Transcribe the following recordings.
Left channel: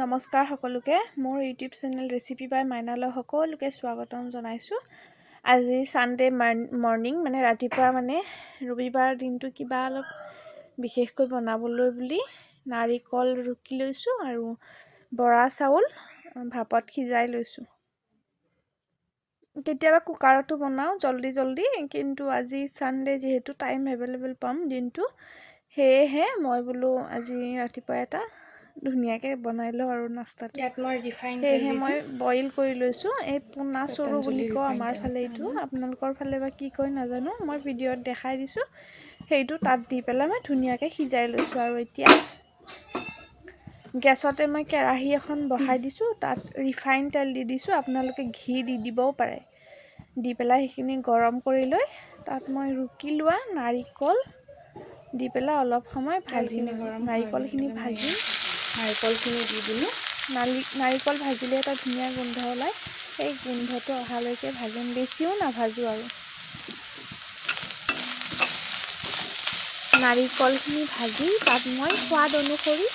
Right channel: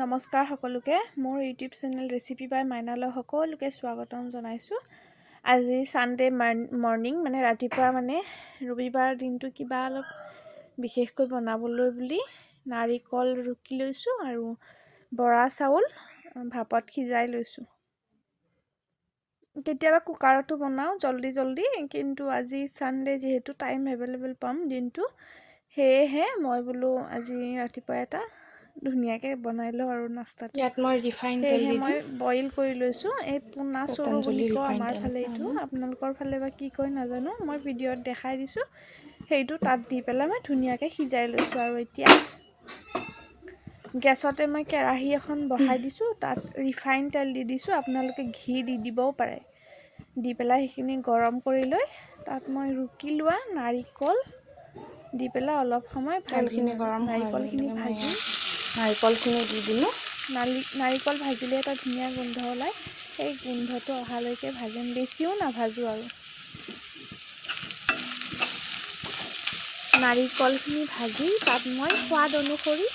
নমস্কাৰ সকলোকে মোৰ ইউটিউব চেনেল ৰেচিপি বাই মাইনালৈ সকলোকে স্বাগতম জনাইছোঁ। আজি সানডে মৰ্নিং মানে ৰাতিপুৱা মানে ৰবিবাৰ দিনটো কিবা অলপ বিশেষকৈ বনাবলৈ বুলি নাৰিকল ৰুকি লৈছোঁ আৰু বৰা চাউল ভাপত সিজাই লৈছোঁ। কেতিয়াবা কুকাৰতো বনাওঁ জলদি কিন্তু আজি সানডে যেহেতু টাইম এভেইলেবল পাম দিনটো সেয়েহে মই বোলো আজি ৰাতিপুৱা এটা ধুনীয়াকৈ বনাই লওঁ আৰু নাস্তাটো। ইয়াত মই ৰিফাইন তেল দি মই দিম। বইল কৰি লৈছোঁ। এই পোনা চৰু পতঞ্জলি বুলি কওঁ ৰিফাইন আমাৰ তেল ফালে, আছে এইটো আমাৰ। আপোনালোকৰ ফালে বা কি কয় নাজানো। মই ভিডিঅ'ত দেখাই দিছোঁ, সেইটো তাত দি পেলাই মই ধুনীয়াকৈ সিজাই লৈছোঁ। আৰু এতিয়া গেছতে মই কেৰাহী এখন বহাই দিছোঁ, তাত ৰিফাইন তেল দি দিছোঁ। আপোনালোকে ঘি দি দিবও পাৰে। দি পেলাই সেইখিনি গৰম কৰি লৈ তাত মই ৰুকি লোৱা নাৰিকল দি পেলাই অলপ সময় ভাজিম তেলখিনি আৰু গৰম হোৱাৰ লগে নাৰিকলখিনি লগে মই ভাজি নাৰিকলখিনি দি দিলোঁ। নাৰিকল ভাজিলে এটা ধুনীয়া গোন্ধ ওলায়, সেই গোন্ধটো অহালৈকে ভাজিম, বেছিও নাভাজোঁ। আৰু নাৰিকলখিনি ভাজি তাত মই সোৱাদ অনুসৰি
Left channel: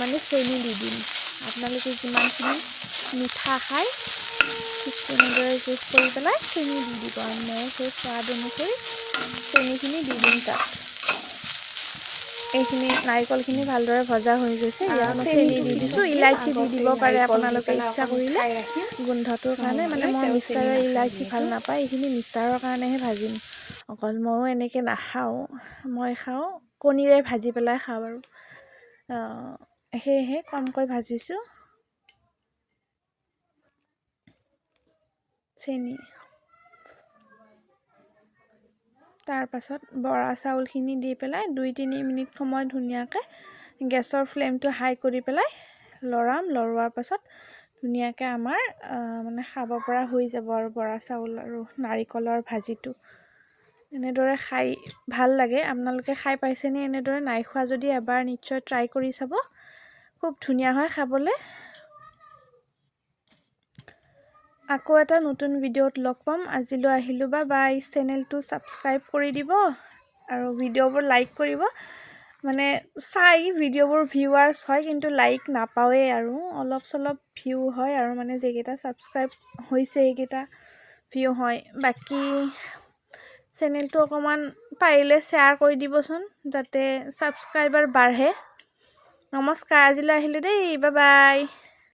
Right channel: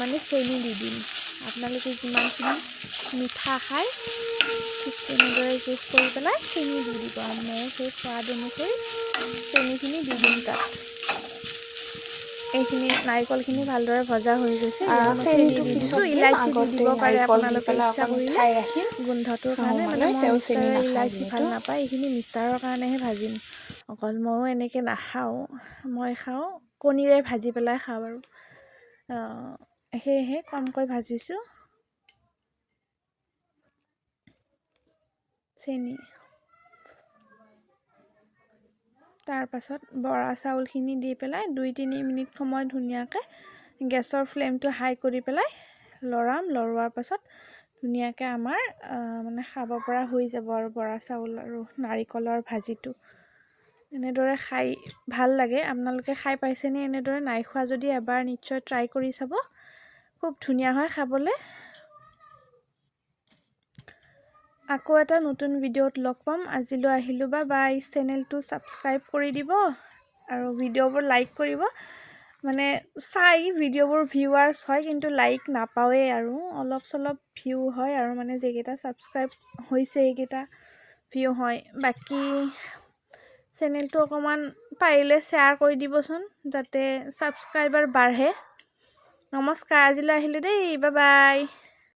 মানে চেনি দি দিম। আপোনালোকে যিমানখিনি মিঠা খায় ঠিক তেনেদৰে জোখ কৰি পেলাই চেনি দি দিব। আৰু মই সেই সোৱাদ অনুসৰি চেনিখিনি দি দিম তাত। এইখিনি নাৰিকলখিনি ভালদৰে ভজা হৈ গৈছে। ইয়াত মই চেনি চেনিটো দি পিছত দিছোঁ। দিম, ইলাইচি দি আগতে দিব পাৰে নাৰিকল দি আপোনালোকে পেলাই ইচ্ছা অকণ কৰিলে, ঠাই ৰাখিম গোন্ধটোৰ কাৰণে। মানে শাহুমালৈ। মই তেওঁ চেনি মিষ্টাৰে নাখায় ইলাইচি ভাল যিহেতু। নাপায়, এইখিনি মিষ্টাৰৰ কাৰণেহে ভাজিম। অকল ময়ো এনেকৈ নাখাওঁ, মই খাওঁ কণীৰে ভাজি পেলাই খাওঁ। আৰু সেয়েহে কমকৈ ভাজিছোঁ। চেনি তাৰপাছত বৰা চাউলখিনি দি পেলাই 2-3 মিনিট সময় ধুনীয়াকৈ গেছৰ ফ্লেমটো হাই কৰি পেলাই লৰাম। লৰোৱাৰ পাছত ধুনীয়াকৈ আমাৰ মানে খাব পৰা হৈ যাব। আৰু বৰা চাউল আৰু নাৰিকলৰ ভাজিটো এনেদৰে খাই ভাল লাগে। আপোনালোকে খাই পাইছেনে এনেদৰে? নাই খোৱা যদি এবাৰ নিশ্চয় ট্ৰাই কৰি চাব, খুব ধুনীয়া হয় খাবলৈ। আকৌ এটা নতুন ভিডিঅ'ত লগ পাম। আজিলৈ আহিলোঁ, বাই। চেনেলটো ছাবস্ক্ৰাইব কৰি দিব আৰু ভিডিঅ'বোৰ লাইক কৰিব। মানে চাই ভিডিঅ'বোৰ ভিউৱাৰ্ছ হয় কিন্তু লাইক নাপাওঁৱেই, আৰু অলপ চলপ ভিউ হয়। আৰু মানে যিকেইটা ছাবস্ক্ৰাইব হৈছে সেইকেইটা ভিউ হয়। বাকী চেনেলটো অকণমান পাৰিলে শ্বেয়াৰ কৰি দিবচোন, যাতে ছাবস্ক্ৰাইবাৰ বাঢ়ে। নমস্কাৰ, আজিলৈ আহিলোঁ দেই, বাই।